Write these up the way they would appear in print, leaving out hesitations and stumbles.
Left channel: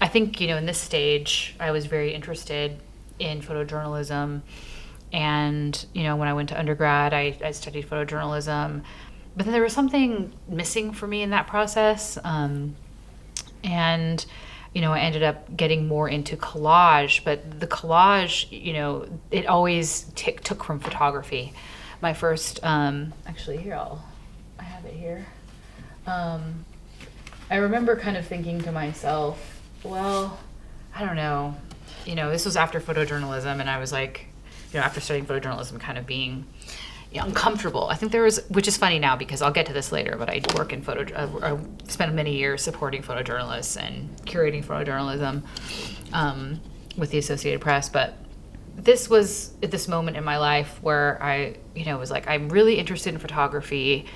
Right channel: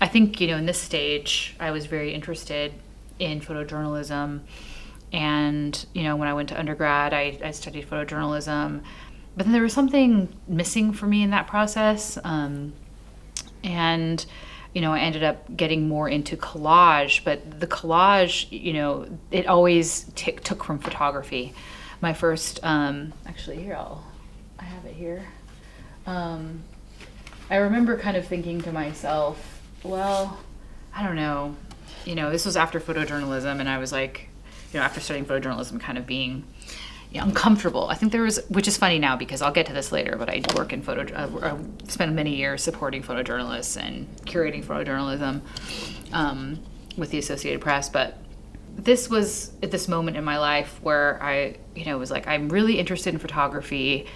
I think, in this stage, I was very interested in photojournalism. And, when I went to undergrad, I studied photojournalism. But then there was something missing for me in that process. And, I ended up getting more into collage. But the collage, it always took from photography. My first, actually, I have it here. I remember kind of thinking to myself, well, I don't know. This was after photojournalism, and I was like, after studying photojournalism, kind of being uncomfortable. I think there was, which is funny now because I'll get to this later, but I work in I spent many years supporting photojournalists and curating photojournalism with the Associated Press. But this was at this moment in my life where I, was like, I'm really interested in photography,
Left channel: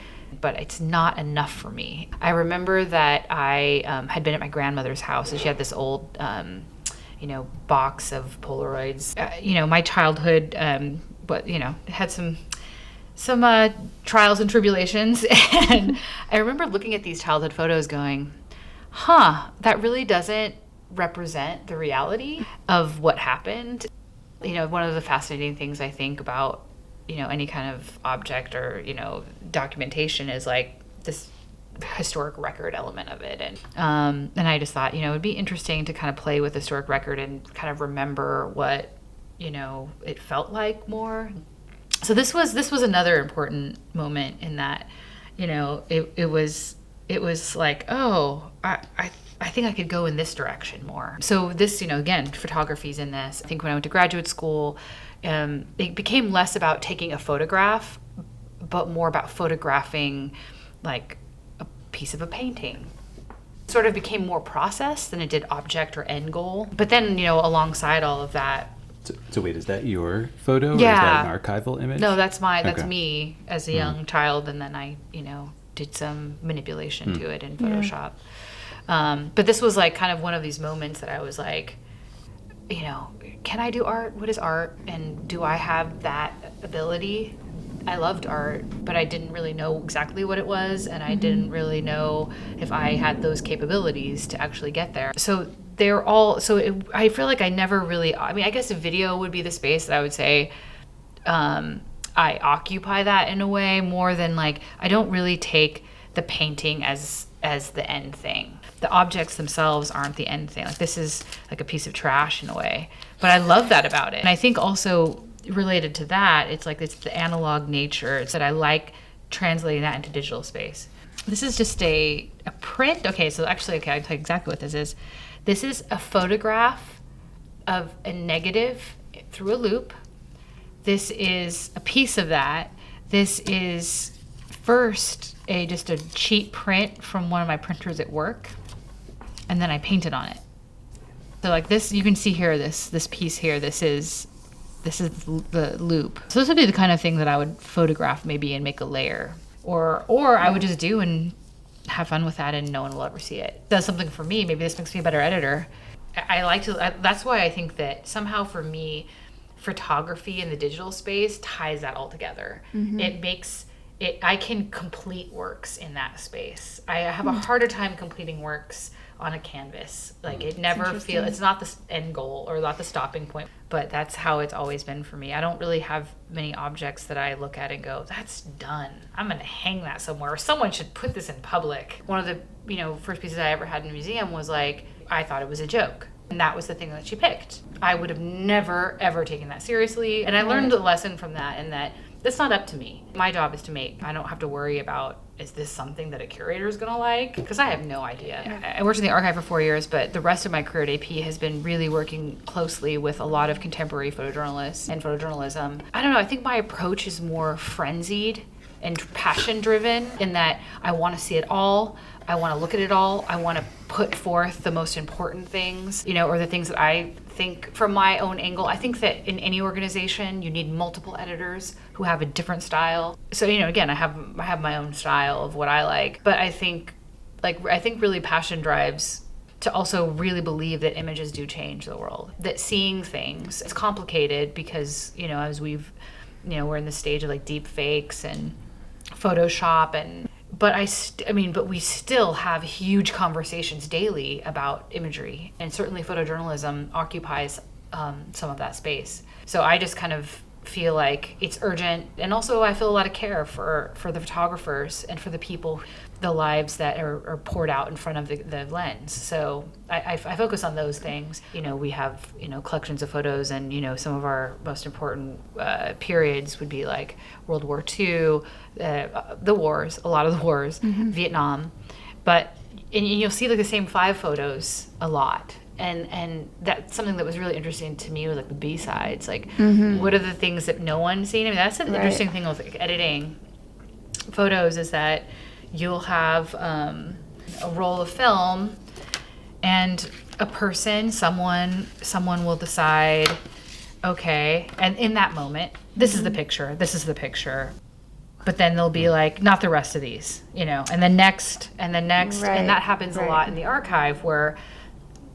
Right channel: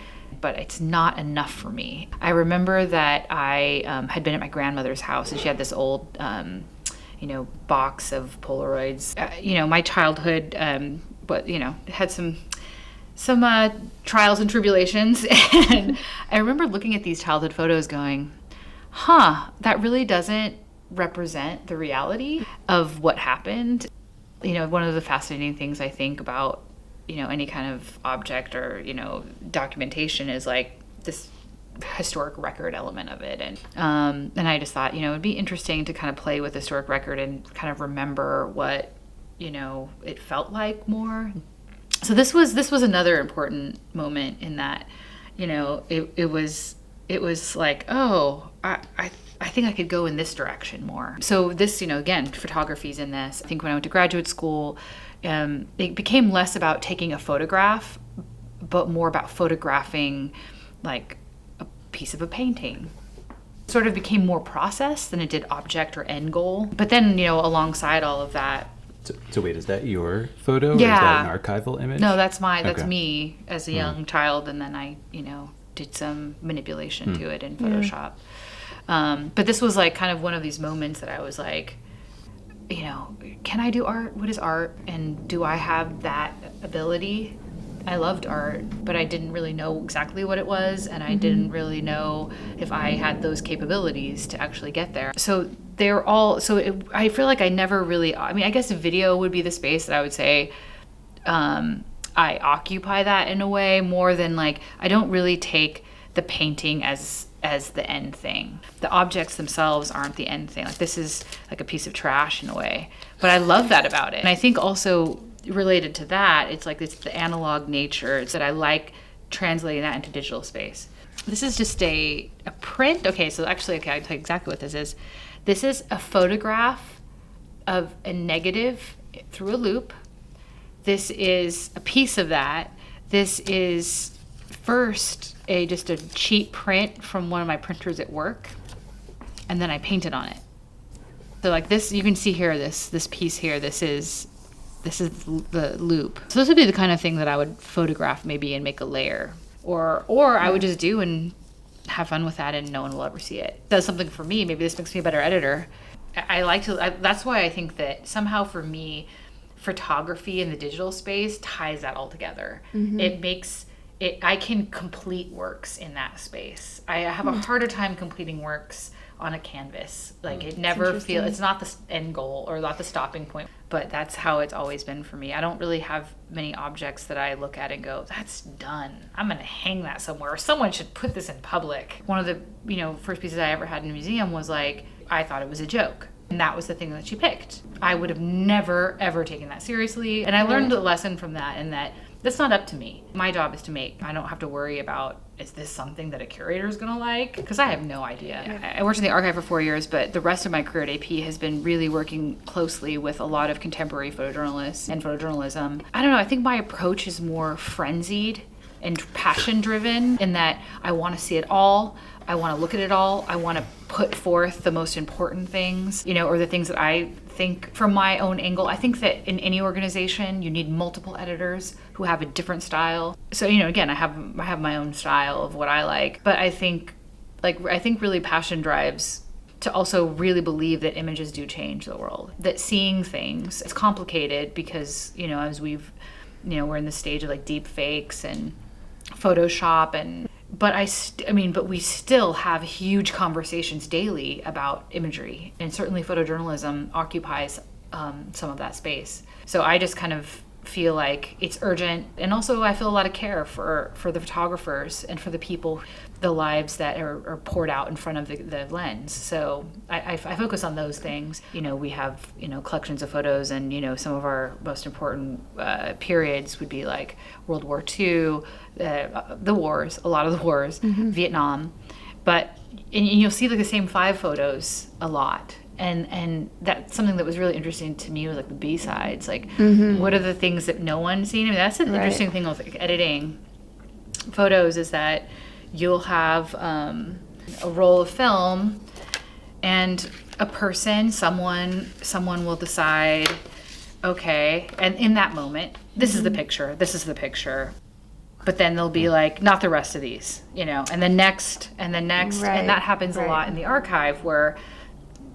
but it's not enough for me. I remember that I had been at my grandmother's house, and she had this old, box of Polaroids. My childhood, but had some trials and tribulations, and I remember looking at these childhood photos, going, that really doesn't represent the reality of what happened. One of the fascinating things I think about any kind of object or, documentation is like this historic record element of it. And I just thought, it'd be interesting to kind of play with historic record and kind of remember what, it felt like more. So this was another important moment in that, it was like, oh, I think I could go in this direction more. So this, again, photography's in this. I think when I went to graduate school, it became less about taking a photograph, but more about photographing like a piece of a painting. Sort of became more process than it did object or end goal. But then, alongside all of that. So wait, is that your photo? Yeah. Or is that an archival image? No, that's me as a young child. And then I, did some manipulation to it in Photoshop. But this was like kind of one of these moments that I was like, can I do art? What is art? And do I have that ability? I loved art, but I didn't really know exactly what it was, and I didn't really know if I had those capabilities to actually get there. So I feel like I never really, I guess a video would be the space that I would say I occupy that in a way more than like, I don't really take the painting as the end thing. The objects themselves aren't the end thing. Like this is like a piece of trash in a way, but I love that about it. And I think also related to that, it's the analog nature. It's that I like translating that into digital space. This is just a print. Okay, so actually, I'll tell you exactly what this is. This is a photograph of a negative through a loop. This is a piece of that. This is first just a cheap print from one of my printers at work, and then I painted on it. So like this, you can see here, this piece here, this is the loop. So this would be the kind of thing that I would photograph maybe and make a layer, or I would just do and have fun with that and no one will ever see it. It does something for me. Maybe this makes me a better editor. That's why I think that somehow for me, photography in the digital space ties that all together. Mm-hmm. It makes it, I can complete works in that space. I have a harder time completing works on a canvas. Like it never it's not the end goal or not the stopping point, but that's how it's always been for me. I don't really have many objects that I look at and go, that's done. I'm going to hang that somewhere, or someone should put this in public. One of the, first pieces I ever had in a museum was like, I thought it was a joke. And that was the thing that she picked. I would have never, ever taken that seriously. And I learned a lesson from that, in that that's not up to me. My job is to make. I don't have to worry about, is this something that a curator is going to like? Because I have no idea. I worked in the archive for 4 years, but the rest of my career at AP has been really working closely with a lot of contemporary photojournalists and photojournalism. I don't know, I think my approach is more frenzied and passion-driven, in that I want to see it all. I want to look at it all. I want to put forth the most important things, or the things that I think from my own angle. I think that in any organization, you need multiple editors who have a different style. So, again, I have my own style of what I like, but I think really passion drives to also really believe that images do change the world, that seeing things, it's complicated because, as we're in the stage of like deep fakes and Photoshop, but but we still have huge conversations daily about imagery, and certainly photojournalism occupies some of that space. So I just kind of feel like it's urgent, and also I feel a lot of care for the photographers and for the people, the lives that are poured out in front of the lens. So I focus on those things. We have collections of photos, and some of our most important periods would be like World War II, the wars, a lot of the wars, Vietnam, and you'll see like the same 5 photos a lot. And that's something that was really interesting to me, was like the B-sides. Like, what are the things that no one's seen? I mean, that's an interesting thing with like editing photos, is that you'll have a roll of film, and a person, someone will decide, okay, and in that moment, this is the picture, but then they'll be like, not the rest of these, and then next, and that happens a lot in the archive, where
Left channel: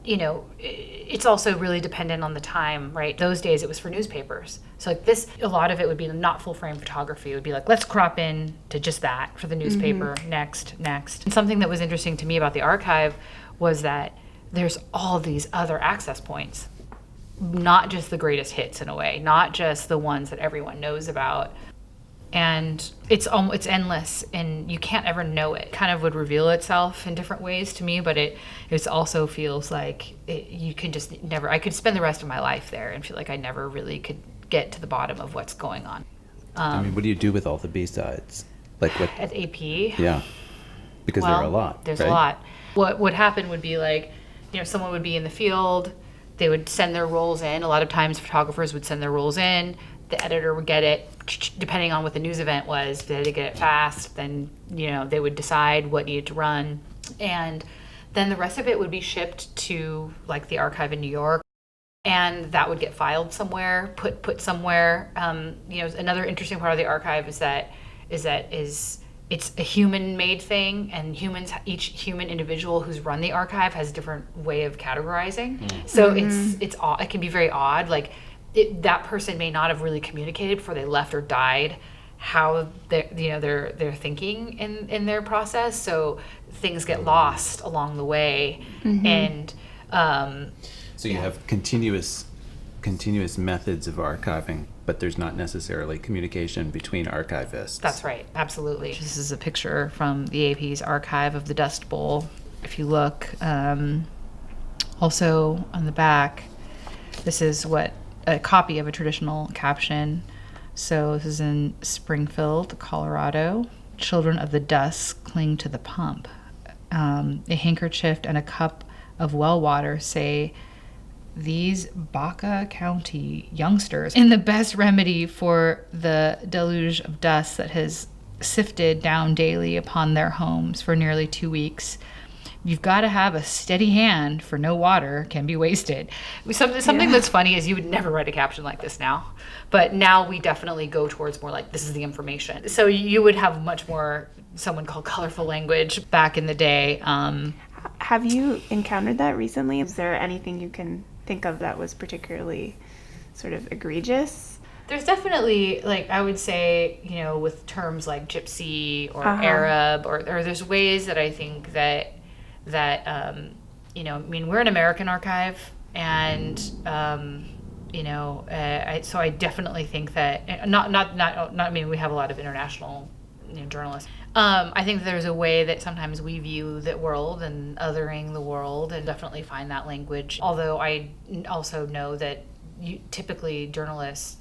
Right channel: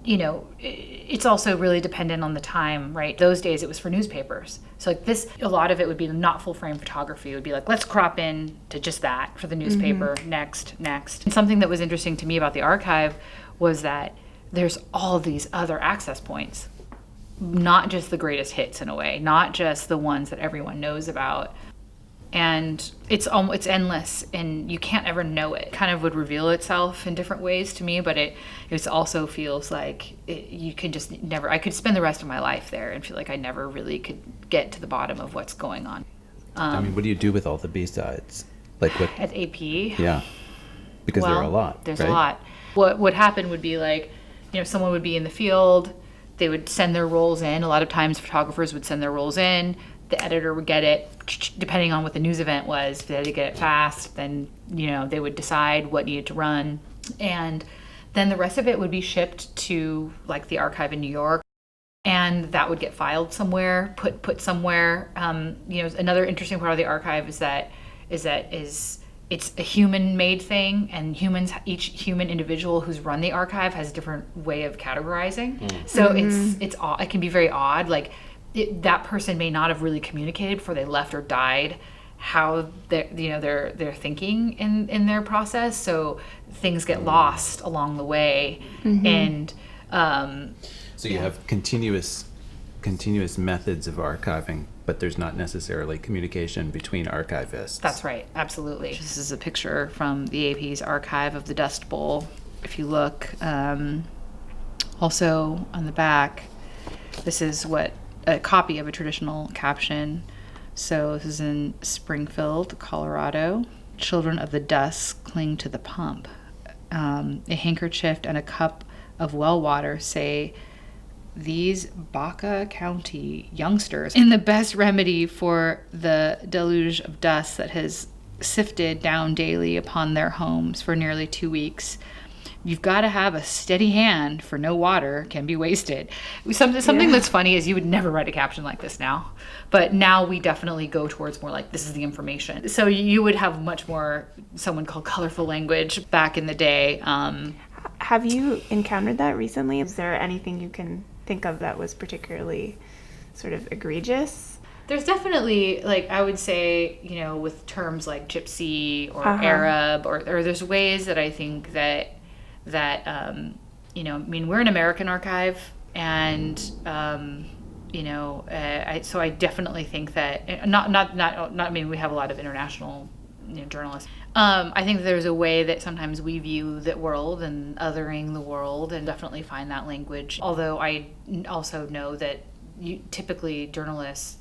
it's also really dependent on the time, right? Those days it was for newspapers. So like this, a lot of it would be not full frame photography. It would be like, let's crop in to just that for the newspaper, next. And something that was interesting to me about the archive was that there's all these other access points, not just the greatest hits in a way, not just the ones that everyone knows about. And it's endless, and you can't ever know it. Kind of would reveal itself in different ways to me, but it also feels like you could just never. I could spend the rest of my life there and feel like I never really could get to the bottom of what's going on. What do you do with all the B-sides? Like At AP, yeah. Because well, there are a lot, there's right? a lot. What would happen would be like, someone would be in the field, they would send their rolls in. A lot of times photographers would send their rolls in. The editor would get it, depending on what the news event was. If they had to get it fast, then, they would decide what needed to run. And then the rest of it would be shipped to like the archive in New York. And that would get filed somewhere, put somewhere. Another interesting part of the archive is that it's a human-made thing, and each human individual who's run the archive has a different way of categorizing. So it can be very odd. Like, that person may not have really communicated before they left or died how they're thinking in their process. So things get lost along the way, and So you have continuous methods of archiving, but there's not necessarily communication between archivists. That's right, absolutely. This is a picture from the AP's archive of the Dust Bowl. If you look, also on the back, this is a copy of a traditional caption. So this is in Springfield, Colorado. Children of the dust cling to the pump. A handkerchief and a cup of well water say, these Baca County youngsters in the best remedy for the deluge of dust that has sifted down daily upon their homes for nearly 2 weeks. You've got to have a steady hand, for no water can be wasted. Something that's funny is you would never write a caption like this now. But now we definitely go towards more like, this is the information. So you would have much more, someone called colorful language back in the day. Have you encountered that recently? Is there anything you can think of that was particularly sort of egregious? There's definitely, like, I would say, with terms like gypsy or Arab, or there's ways that I think that we're an American archive, and so I definitely think that we have a lot of international journalists. I think there's a way that sometimes we view the world and othering the world, and definitely find that language. Although I also know that typically journalists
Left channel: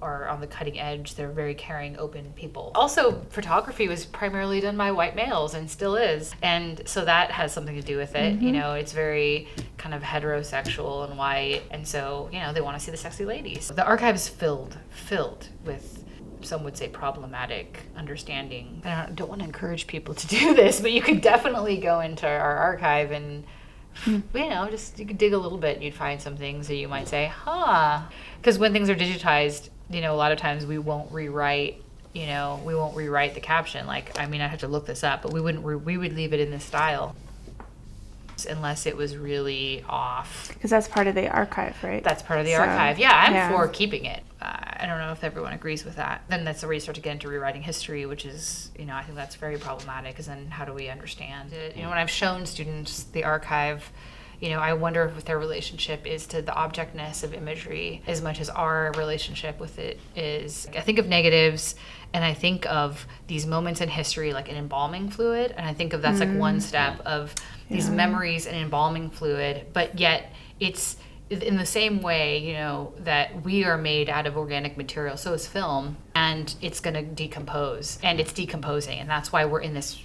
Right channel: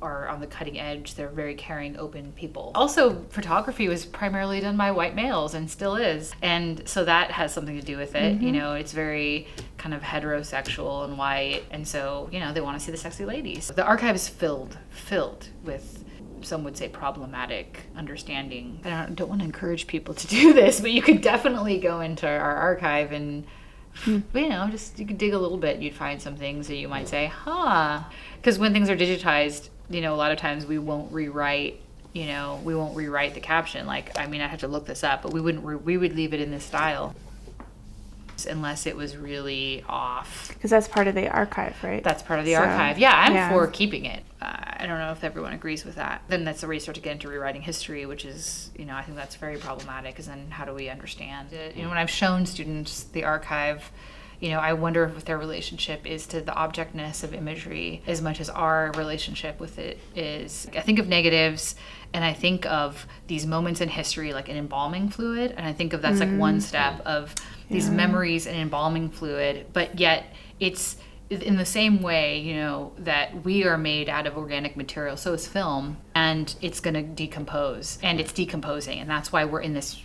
are on the cutting edge. They're very caring, open people. Also, photography was primarily done by white males, and still is. And so that has something to do with it. It's very kind of heterosexual and white. And so, they want to see the sexy ladies. The archive is filled with, some would say, problematic understanding. I don't want to encourage people to do this, but you could definitely go into our archive and, you could dig a little bit and you'd find some things that you might say, because when things are digitized, a lot of times we won't rewrite the caption. Like, I have to look this up, but we would leave it in this style. unless it was really off. Because that's part of the archive, right? That's part of the archive. Yeah, I'm Yeah. for keeping it. I don't know if everyone agrees with that. Then that's where you start to get into rewriting history, which is, I think that's very problematic, because then how do we understand it? When I've shown students the archive, I wonder if their relationship is to the objectness of imagery as much as our relationship with it is. I think of negatives, and I think of these moments in history like an embalming fluid, and I think of that's like one step of these memories and embalming fluid, but yet it's in the same way, that we are made out of organic material, so is film, and it's going to decompose, and it's decomposing, and that's why we're in this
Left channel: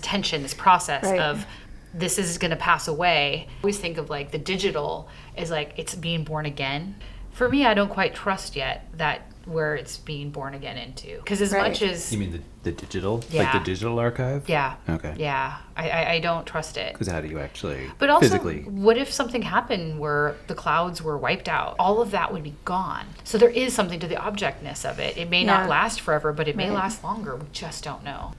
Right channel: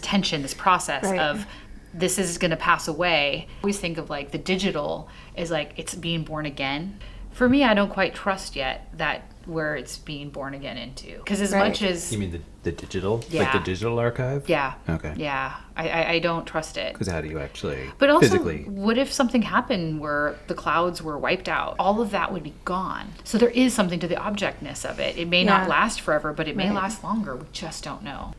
tension, this process of this is going to pass away. I always think of like the digital as like it's being born again. For me, I don't quite trust yet that where it's being born again into, because as much as You mean the digital? Yeah. Like the digital archive? yeah, Okay. yeah, I don't trust it. Because how do you actually But also, physically? what if something happened where the clouds were wiped out? All of that would be gone. So there is something to the objectness of it. It may not last forever, but it may last longer. We just don't know.